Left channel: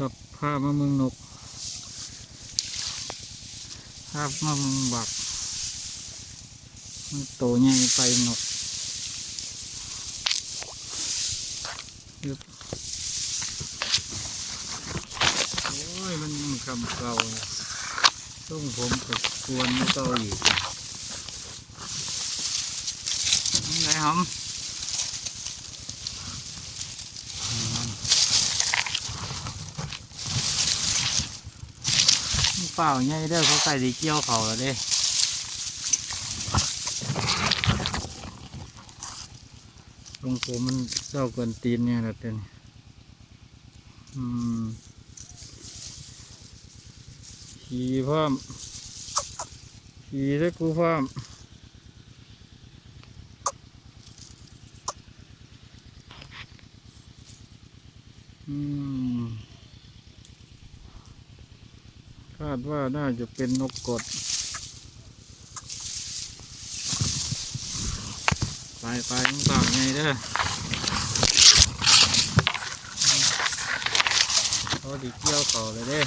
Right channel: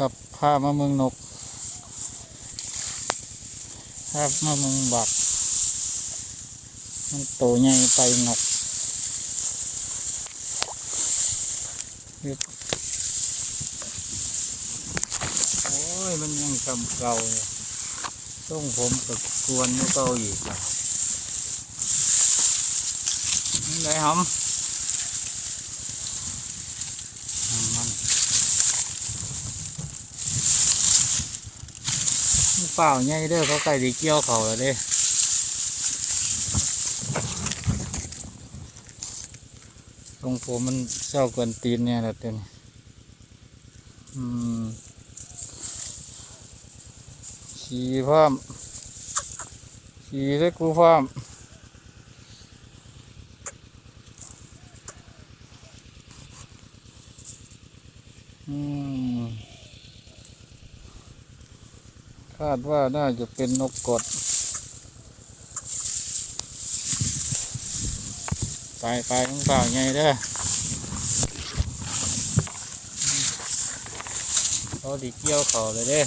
ครับพามาเมืองนกพามาเมืองบัก มันโตใหญ่ไปนกยึบโอ้ย มันยังคำเก่าเลยต้องผมกับกวนก็เก่าอยู่จ้ะนี่ไหนหอมมัน มัน เปล่าใหญ่เด้อเขาไก่ดีเกี่ยวเขาแล้วเด้ตรงผมมันเศร้าเกวนตีนเนี่ยแหละเต็นอืมขี่พร้อมขี่แล้วกูพร้อมอืม คาดว่าน่าจะเป็นนกกดไปไปมึงเปล่าไงเด้อเขาดีเกี่ยวเขาเลยเด้